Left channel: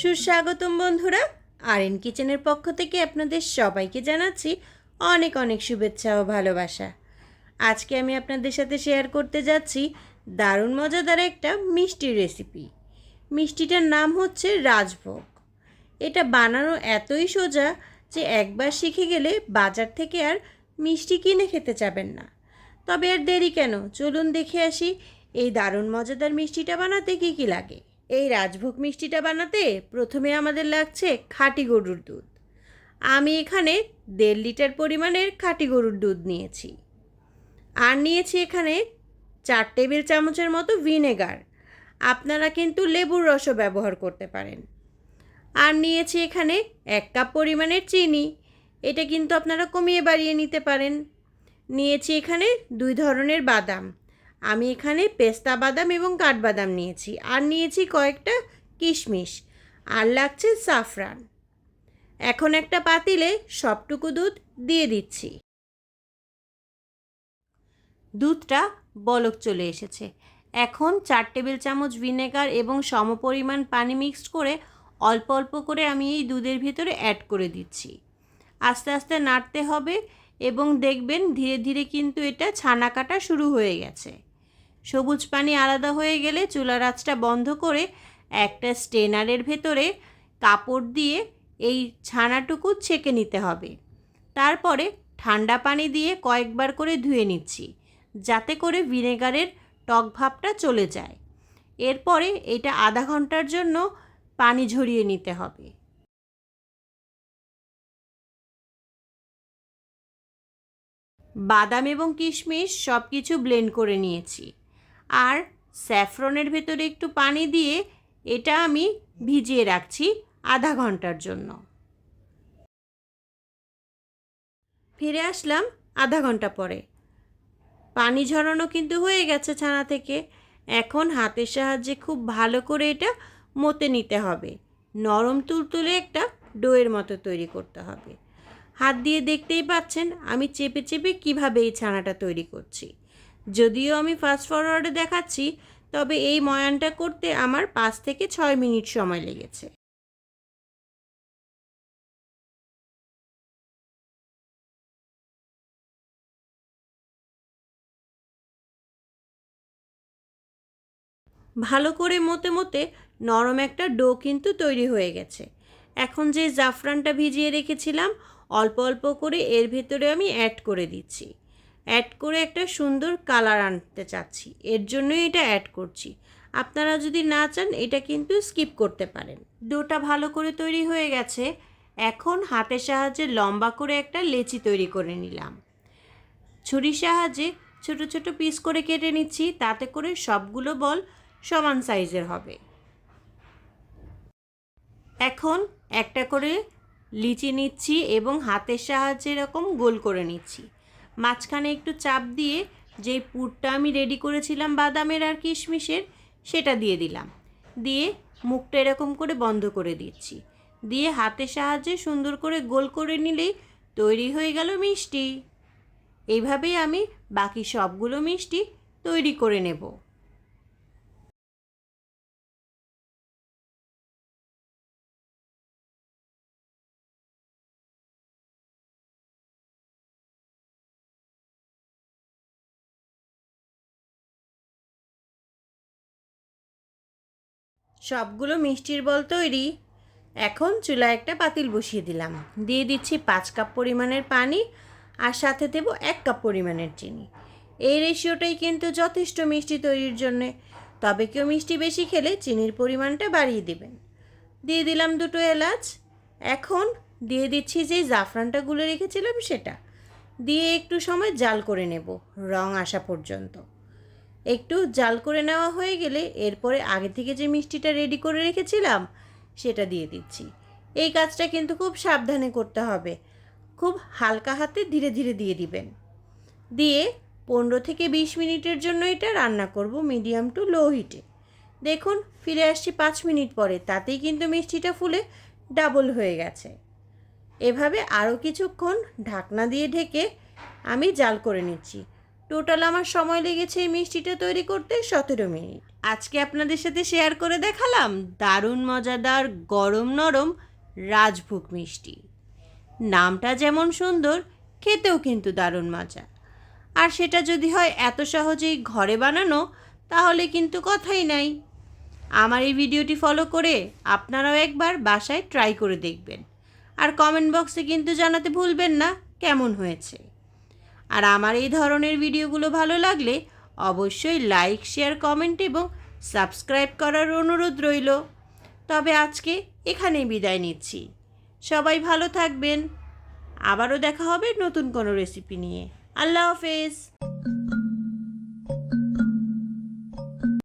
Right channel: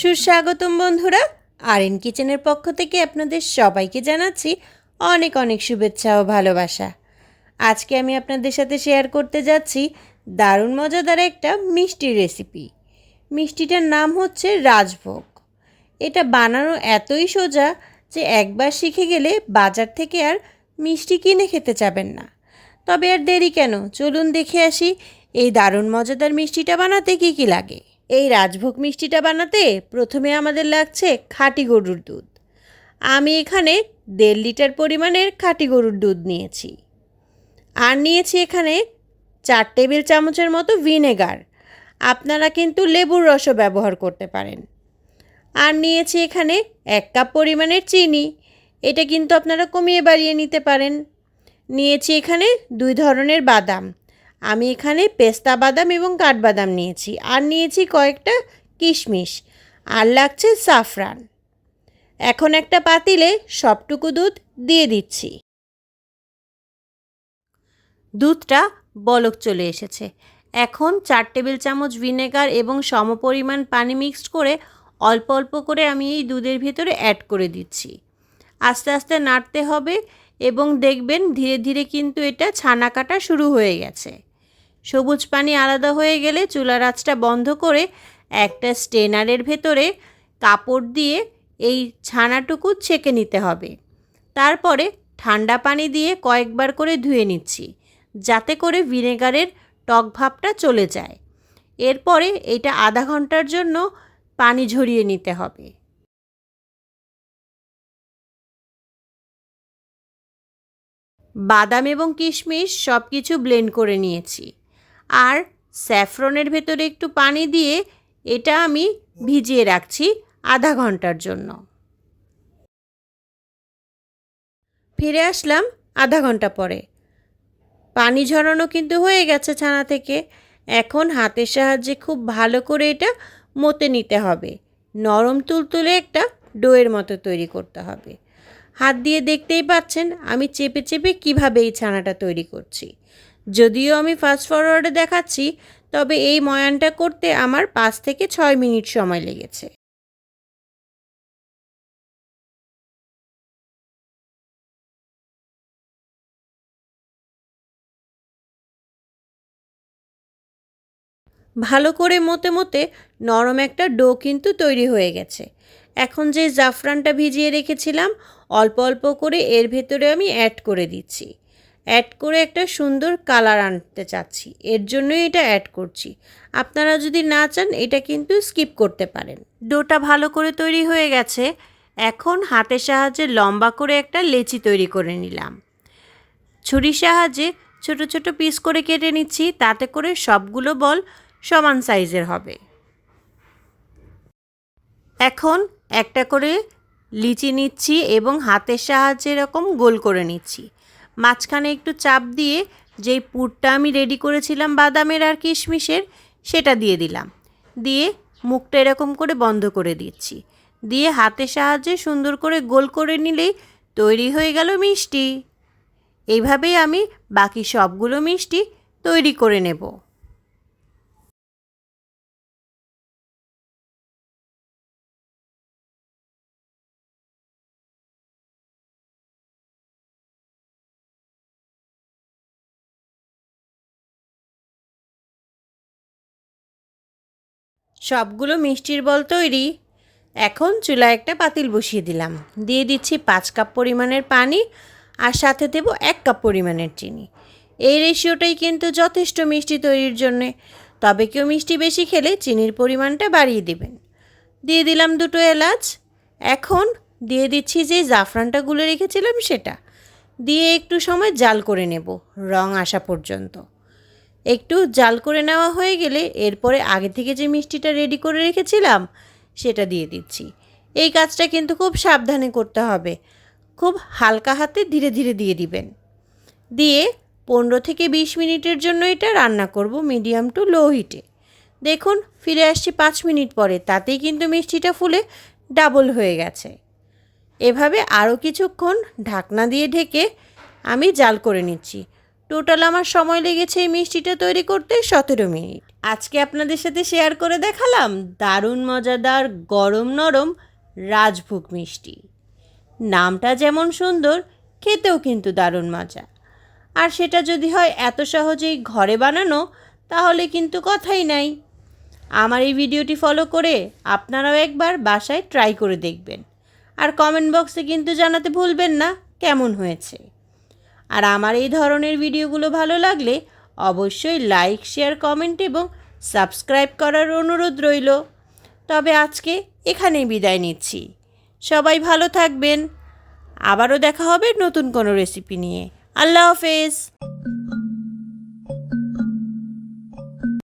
সুস্বাগতম বন্ধুরা, আরএন কিচেনের পক্ষ থেকে আপনাদের সবাইকে জানাচ্ছি অনেক অনেক শুভেচ্ছা ও ভালোবাসা। আজকে আমি আপনাদের সাথে শেয়ার করতে যাচ্ছি দারুণ মজাদার একটা মিষ্টির রেসিপি। মিষ্টিটার নাম হচ্ছে রাজভোগ। এটা বানানো এতই সোজা যে একবার শিখে গেলে বাজার থেকে আর মিষ্টি কিনে খেতে চাবেন না। তবে আর দেরি কেন, চলুন দেখে আসি এই দারুণ মজাদার মিষ্টিটা বানাতে কী কী লাগে। এই রাজভোগ মিষ্টিটা বানাতে প্রথমে আমাদের লাগছে খাঁটি গরুর দুধ। আমি এখানে 1.5 লিটার পরিমাণের খাঁটি গরুর দুধ নিয়েছি। আর নিয়েছি এখানে 4 টেবিল চামচের মতো ভিনেগার। আপনারা কিন্তু লেবুর রসও ব্যবহার করতে পারেন। আর নিয়েছি এখানে 1 কাপ পরিমাণের চিনি। এটা কিন্তু আপনারা কমিয়ে বাড়িয়ে নিতে পারেন। নিয়েছি এখানে 2 ধরনের বাদাম। আমি এখানে পেস্তা বাদাম এবং কাঠবাদাম নিয়েছি। আর নিয়েছি কয়েকটা কিশমিশ। আর লাগছে সাফরান। এখন একটা পাতিলে সবটুকু দুধ দিয়ে দিচ্ছি। দুধটা বলক চলে এসেছে। এখন 4 টেবিল চামচ ভিনেগার এবং সমপরিমাণ পানি মিক্সড করে অল্প অল্প করে আমি এই দুধের ভিতরে অ্যাড করে দিচ্ছি। আস্তে আস্তে নাড়তে হবে এবং দেখবেন ধীরে ধীরে কিন্তু এটা ছানা কাটা শুরু হয়ে গেছে। সবুজ পানি আলাদা হয়ে গেলে চুলার আঁচটা বন্ধ করে একটা স্ট্রেনারের ভেতরে কাপড় দিয়ে এই ছানাটুকু ছেঁকে নিতে হবে। তারপরে ঠান্ডা পানি দিয়ে কয়েকবার করে ধুয়ে নিচ্ছি, যাতে করে ভিনেগারের টক ভাবটা চলে যায়। এরপরে এটা আধা ঘন্টার জন্য পানি ঝরিয়ে নিতে হবে। বাদাম এবং কিশমিশ সব কিছু ব্লেন্ড করে নিয়েছি। আর স্যাফরনের ভেতরে একটু পানি দিয়ে এটা আমি ভিজিয়ে রাখছি আধা ঘন্টার জন্য। ফিরে আসলাম আধা ঘন্টা পরে। পানি ঝরানো কিন্তু হয়ে গেছে ছানা থেকে। এখন হাতের সাহায্যে খুব ভালো করে এটা মতে নিতে হবে। নরম তুলতুলে একটা ডোয়ের মতো তৈরি করতে হবে। হাত দিয়ে দেখতেই পাচ্ছেন আমি চেপে চেপে কীভাবে এই ছানাটা তৈরি করছি। যদিও আমি ফাস্ট ফরওয়ার্ডে দেখাচ্ছি, তবে এই ময়ানটা করতে আমার 5 থেকে 6 মিনিট সময় লেগেছে। ভালো করে মতে মতে নরম একটা ডো কিন্তু তৈরি হয়ে গেছে। এখন যে জাফরানটা ভিজিয়ে রেখেছিলাম অল্প অল্প করে এর ভেতরে আমি অ্যাড করে দিচ্ছি। অ্যাড করে একটা সুন্দর কালার আনতে চাচ্ছি, এর জন্যই এটা অ্যাড করছি। আপনারা যদি না চান এটা কিন্তু স্কিপ করতে পারেন। ডোটা ভালো করে তৈরি হয়ে গেছে। এখন হাতের সাহায্যে লম্বা করে একটা লেচি তৈরি করে নিলাম। ছুরির সাহায্যে ছোট ছোট পিস করে কেটে নিচ্ছি, তাতে করে সবগুলো বল সমান সাইজের হবে। এখন একটা করে লিচি নিচ্ছি এবং হাতের সাহায্যে এরকম গোল করে নিচ্ছি। মাঝখানে একটু চাপ দিয়ে যেই পুরটা আমি রেডি করেছিলাম বাদামের আর কিশমিশের, সেটা দিয়ে দিলাম। দিয়ে মুখটা এরকম করে বন্ধ করে দিচ্ছি। দিয়ে হাতের সাহায্যে সুন্দর করে গোল করে নিলেই তৈরি হয়ে গেল মিষ্টি। এইভাবেই আমি বাকি সবগুলো মিষ্টি তৈরি করে নেব। সবগুলো মিষ্টির বল তৈরি। এখন চুলায় একটা পাতিল বসিয়ে দিলাম। দিয়ে দিচ্ছি 5 কাপ পরিমাণের পানি আর সাথে দেব 1 কাপ পরিমাণের চিনি। এই রেশিওটাই কিন্তু যথেষ্ট মিষ্টি তৈরির জন্যে। তবে কেউ মিষ্টি বেশি খেলে চিনির পরিমাণটা বাড়িয়ে দেবেন। দিয়ে দিলাম 2টো এলাচ। এখন দিয়ে দিচ্ছি যে জাফরানটা গুলে রেখেছিলাম সেটা। দিয়ে একটু সময় জাল করে নেব রং আসা পর্যন্ত। একটু জাল করে নেওয়া হয়ে গেলে এরপরে আগে থেকে যে মিষ্টিটা রেডি করে রেখেছিলাম সেটা দিয়ে দিচ্ছি। এই কাজটা কিন্তু খুব সাবধানে করতে হবে। খুব হালকা হাতে ধীরে ধীরে দিয়ে দিবেন। দিয়ে 15 থেকে 20 মিনিটের জন্য এটা রান্না করব মিডিয়াম টু লো হিটে। দেখুন ফিরে আসছি 5 মিনিট পরে, তাতেই কিন্তু মিষ্টিটা ফুলে ডাবল হয়ে গেছে। এভাবে আরও কিছুক্ষণ ঢাকনা দিয়ে ঢেকে আমি জাল করে নিচ্ছি। টোটাল আমার সময় লেগেছে এই মিষ্টিটা তৈরি করতে 17 মিনিট। আজকে আপনাদের সাথে শেয়ার করে দেখালাম দারুণ মজাদার গরম নরম রাজভোগ মিষ্টি। নামটা যেমন সুন্দর, খেতেও কিন্তু দারুণ মজা। আর সেটা যদি হয় এত সহজেই ঘরে বানানো, তাহলে কিন্তু কথাই নাই। আমার এই ভিডিওটি ফলো করে আপনারাও একবার বাসায় ট্রাই করে দেখবেন। আর কমেন্ট বক্সে কিন্তু জানাতে ভুলবেন না কেমন হয়েছে। আর আমার এই ধরনের ভিডিওগুলো ভালো লাগলে অবশ্যই লাইক, শেয়ার, কমেন্ট এবং সাবস্ক্রাইব করার অনুরোধ রইল। তবে আজকে এখানেই বিদায় নিচ্ছি। সবাই ভালো থাকবেন। আবারও দেখা হবে নতুন কোনো রেসিপি নিয়ে। আল্লাহ হাফেজ।